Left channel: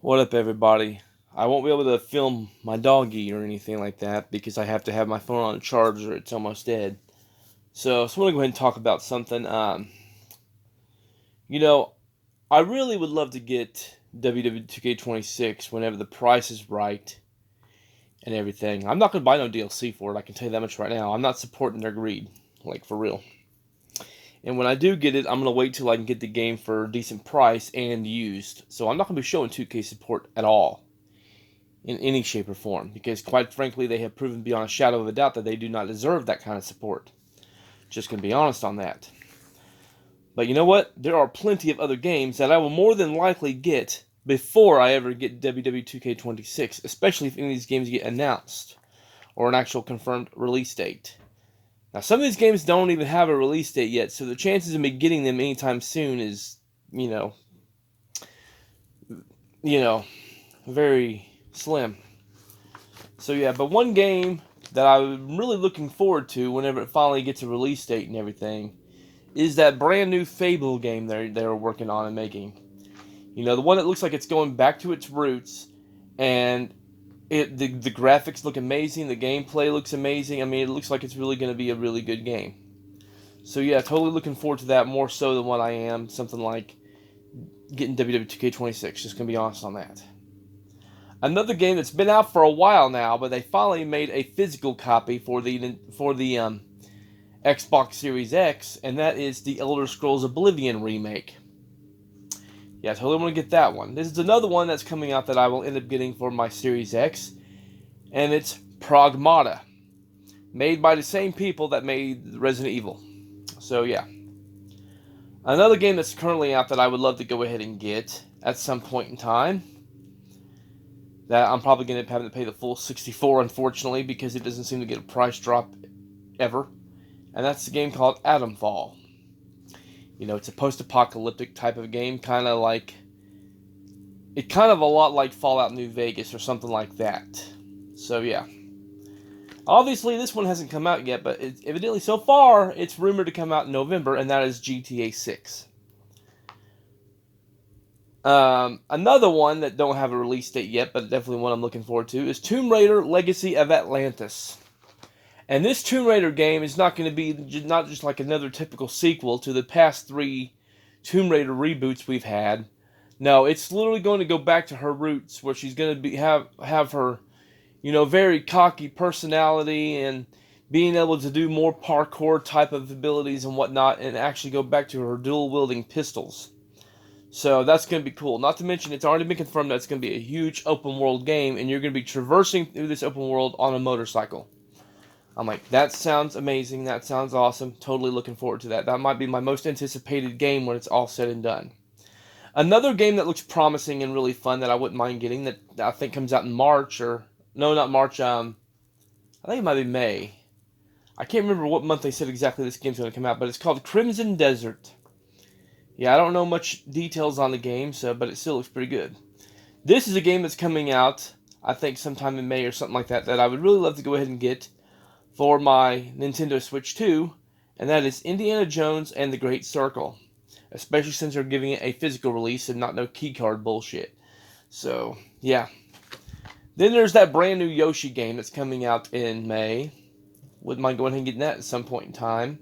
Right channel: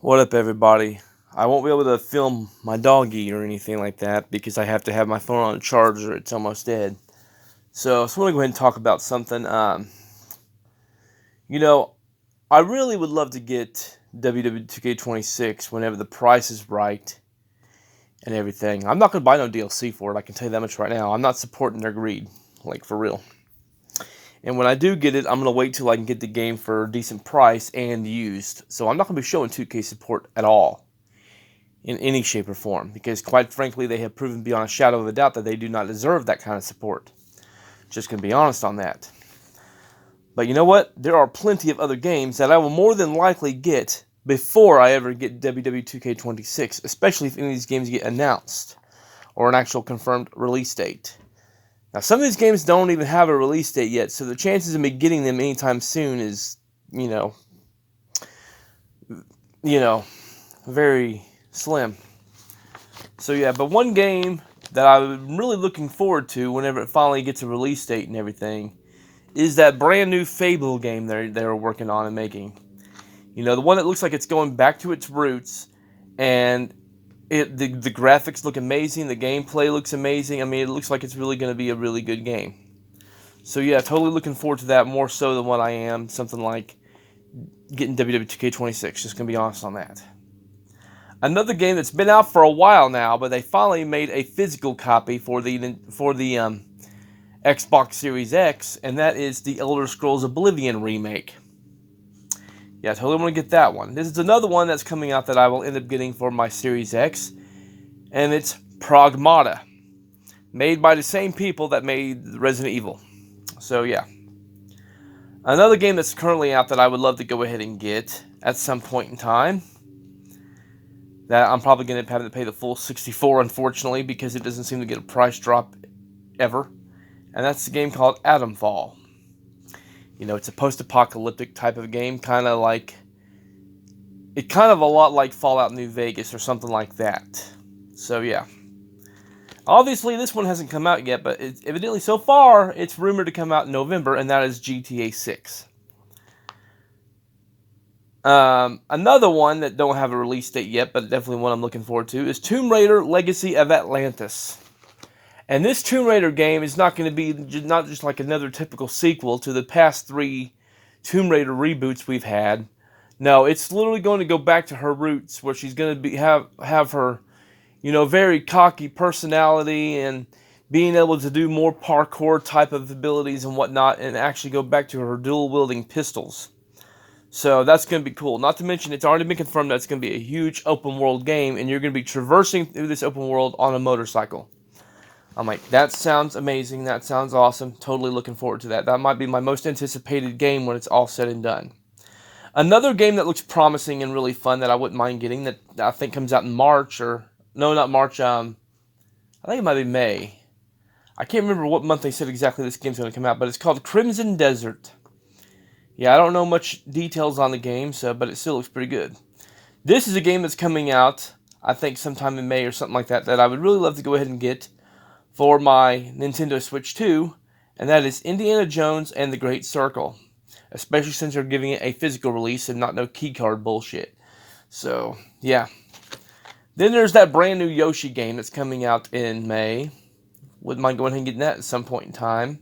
What up, everybody? I won't be able to film my doggy or anything like that because I have to have my phone on a charger. It's almost dead. So I just want to go ahead and talk about something. You know, I really would love to get WWE 2K26 whenever the price is right and everything. I'm not going to buy no DLC for it. I can tell you that much right now. I'm not supporting their greed, like for real. And when I do get it, I'm going to wait till I can get the game for a decent price and used. So I'm not going to be showing 2K support at all in any shape or form, because quite frankly, they have proven beyond a shadow of a doubt that they do not deserve that kind of support. Just gonna be honest on that. But you know what? There are plenty of other games that I will more than likely get before I ever get WWE 2K26, especially if any of these games get announced or an actual confirmed release date. Now, some of these games don't even have a release date yet, so the chances of me getting them anytime soon is, you know, you know, very slim. So yeah, but one game that I'm really looking forward to whenever it finally gets a release date and everything is that brand new Fable game they're working on and making. You know, the one that looks like it's going back to its roots, and the graphics look amazing, the gameplay looks amazing. I mean, it looks like it's really going to be a really good game. So yeah, totally looking forward to that more so than what I am something like getting WWE 2K26. Just gonna be honest on that. Another game that's been out for a while now, but they finally made a physical copy for the Xbox Series X, and that is the Elder Scrolls Oblivion remake. Yeah, I totally want to get that one. This is another one that's coming out that I will end up getting for my Series X, and it's Pragmata, made by the same people that made Resident Evil. So yeah, another game that's currently out that I would love to go ahead and get at some point in time, that I'm probably going to have to pay the full 64, unfortunately, because it doesn't seem to get a price drop ever. And that's a game called Atomfall. You know, it's a post-apocalyptic type of game, kind of a lot like Fallout New Vegas or something like that. So yeah. Obviously, this one hasn't come out yet, but evidently so far, it's rumored to come out in November, and that is GTA 6. Another one that don't have a release date yet, but definitely one I'm looking forward to, is Tomb Raider Legacy of Atlantis. And this Tomb Raider game is not going to be not just like another typical sequel to the past three Tomb Raider reboots we've had. No, it's literally going to go back to her roots, where she's going to have her, very cocky personality and being able to do more parkour type of abilities and whatnot, and actually go back to her dual wielding pistols. So that's going to be cool. Not to mention, it's already been confirmed that it's going to be a huge open world game, and you're going to be traversing through this open world on a motorcycle. I'm like, that sounds amazing. That sounds awesome. Totally looking forward to that. That might be my most anticipated game when it's all said and done. Another game that looks promising and really fun that I wouldn't mind getting, that I think comes out in March, or no, not March. I think it might be May. I can't remember what month they said exactly this game's going to come out, but it's called Crimson Desert. Yeah, I don't know much details on the game, but it still looks pretty good. This is a game that's coming out, I think, sometime in May or something like that, that I would really love to go ahead and get for my Nintendo Switch 2, and that is Indiana Jones and the Great Circle. Especially since they're giving it a physical release and not no keycard bullshit. So, yeah. Then there's that brand new Yoshi game that's coming out in May. Wouldn't mind going ahead and getting that at some point in time.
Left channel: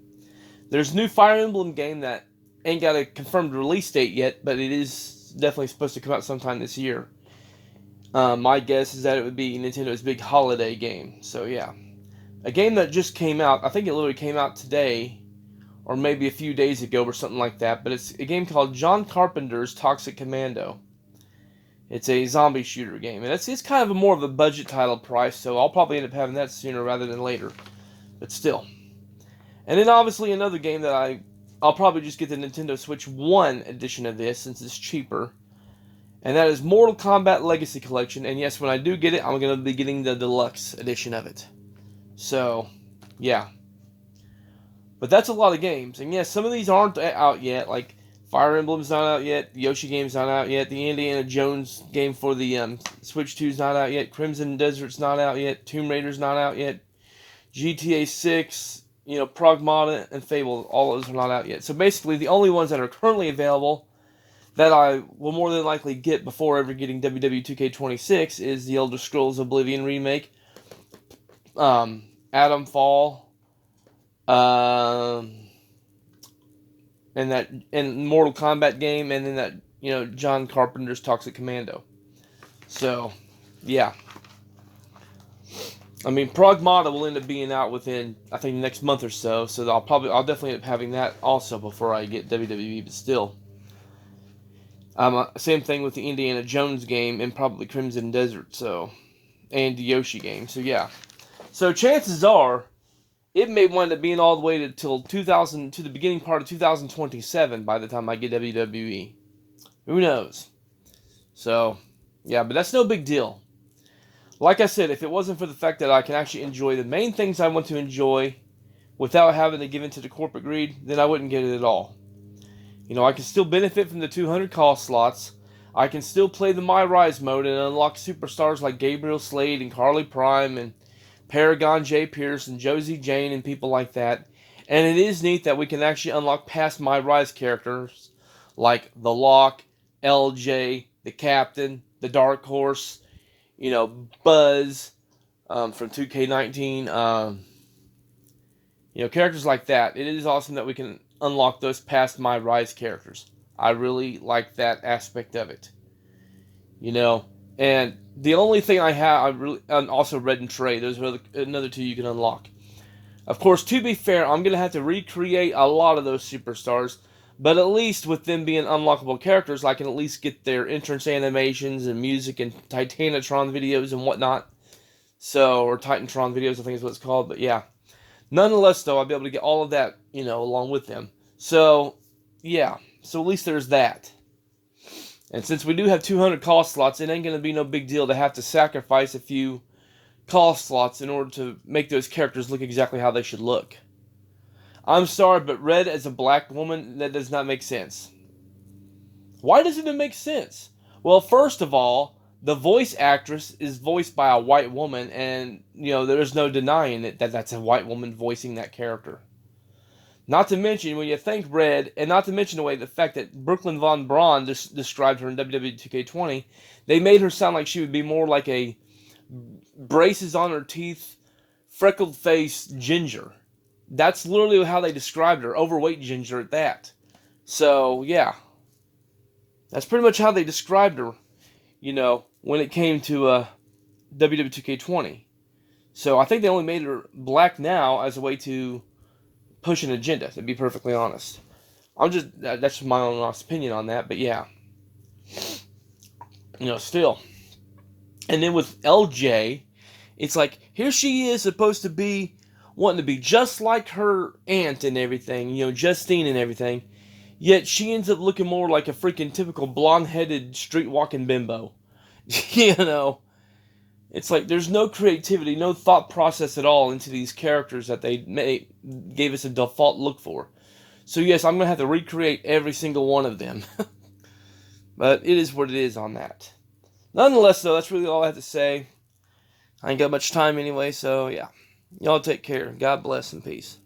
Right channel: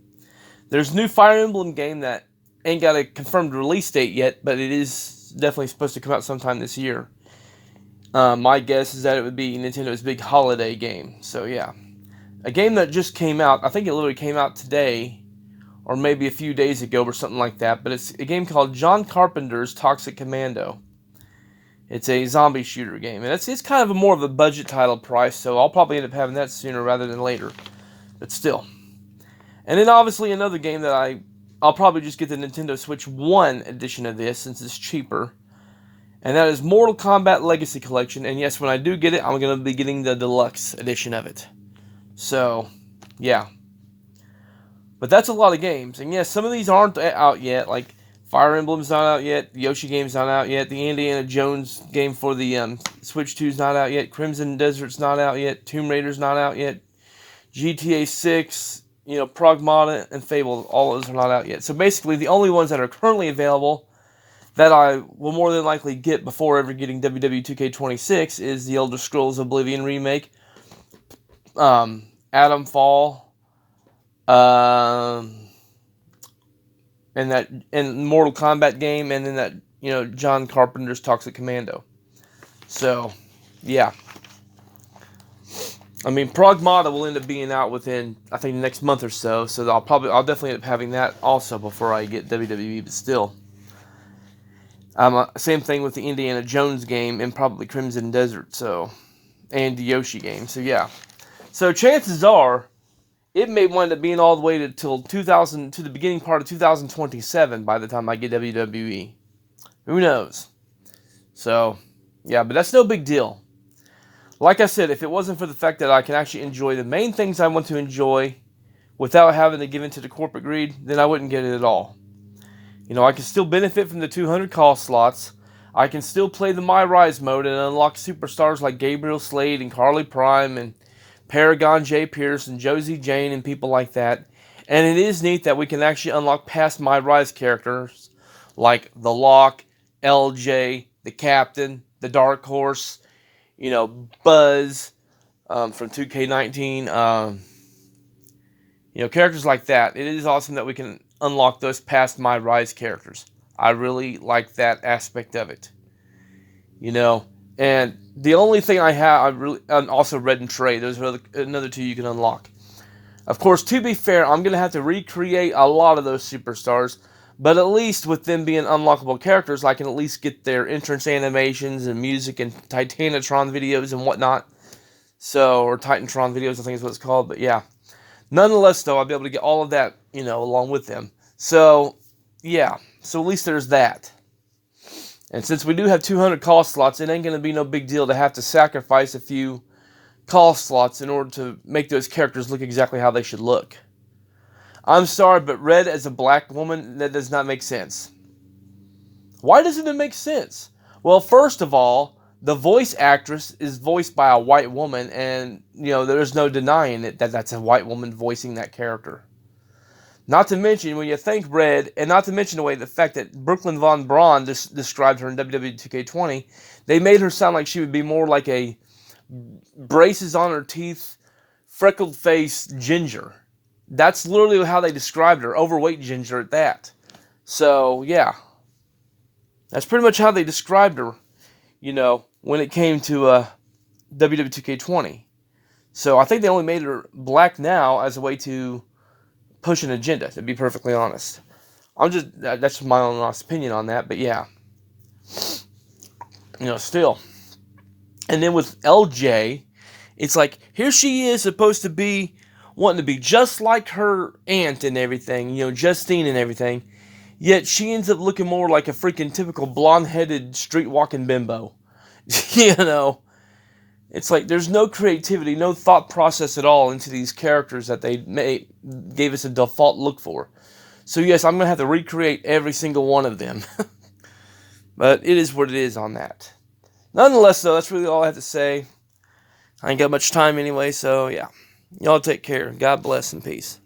There's a new Fire Emblem game that ain't got a confirmed release date yet, but it is definitely supposed to come out sometime this year. My guess is that it would be Nintendo's big holiday game. So yeah, a game that just came out. I think it literally came out today, or maybe a few days ago, or something like that. But it's a game called John Carpenter's Toxic Commando. It's a zombie shooter game, and it's kind of more of a budget title price. So I'll probably end up having that sooner rather than later. But still. And then obviously another game that I'll probably just get the Nintendo Switch 1 edition of this since it's cheaper. And that is Mortal Kombat Legacy Collection. And yes, when I do get it, I'm going to be getting the deluxe edition of it. So, yeah. But that's a lot of games. And yes, some of these aren't out yet. Like Fire Emblem's not out yet. The Yoshi game's not out yet. The Indiana Jones game for the Switch 2's not out yet. Crimson Desert's not out yet. Tomb Raider's not out yet. GTA 6, Pragmata, and Fable, all those are not out yet. So basically, the only ones that are currently available that I will more than likely get before ever getting WWE 2K26 is the Elder Scrolls Oblivion remake, Adam Fall, and Mortal Kombat game, and then that John Carpenter's Toxic Commando. So, yeah. I mean, Pragmata will end up being out within, I think, the next month or so. So I'll definitely end up having that also before I get WWE. But still, same thing with the Indiana Jones game and probably Crimson Desert. So, and the Yoshi game. So yeah. So chances are, it may wind up being all the way to the beginning part of 2027 by the time I get WWE. Who knows? So, yeah, but that's no big deal. Like I said, if it wasn't for the fact that I can actually enjoy the main things I want to enjoy without having to give in to the corporate greed, then I wouldn't get it at all. I can still benefit from the 200 call slots. I can still play the My Rise mode and unlock superstars like Gabriel Slade and Carly Prime and Paragon J. Pierce and Josie Jane and people like that. And it is neat that we can actually unlock past My Rise characters like The Lock, LJ, the Captain, the Dark Horse, Buzz from 2K19, characters like that. It is awesome that we can unlock those past My Rise characters. I really like that aspect of it. And the only thing and also Red and Trey, those are another two you can unlock. Of course, to be fair, I'm going to have to recreate a lot of those superstars, but at least with them being unlockable characters, I can at least get their entrance animations and music and Titanatron videos and whatnot. Or Titantron videos, I think is what it's called. But yeah. Nonetheless, though, I'll be able to get all of that, along with them. So, yeah. So at least there's that. And since we do have 200 call slots, it ain't going to be no big deal to have to sacrifice a few call slots in order to make those characters look exactly how they should look. I'm sorry, but Red as a black woman, that does not make sense. Why doesn't it make sense? Well, first of all, the voice actress is voiced by a white woman, and, there's no denying it that that's a white woman voicing that character. Not to mention, when you think Red, and not to mention the fact that Brooklyn Von Braun described her in WWE 2K20, they made her sound like she would be more like a braces on her teeth, freckled face ginger. That's literally how they described her, overweight ginger at that. So, yeah. That's pretty much how they described her, when it came to WWE 2K20. So, I think they only made her black now as a way to push an agenda, to be perfectly honest. That's my own honest opinion on that, but yeah. Still. And then with LJ, it's like, here she is supposed to be wanting to be just like her aunt and everything, Justine and everything, yet she ends up looking more like a freaking typical blonde-headed, street-walking bimbo. It's like there's no creativity, no thought process at all into these characters that they gave us a default look for. So yes, I'm going to have to recreate every single one of them. But it is what it is on that. Nonetheless, though, that's really all I have to say. I ain't got much time anyway, so yeah. Y'all take care. God bless and peace.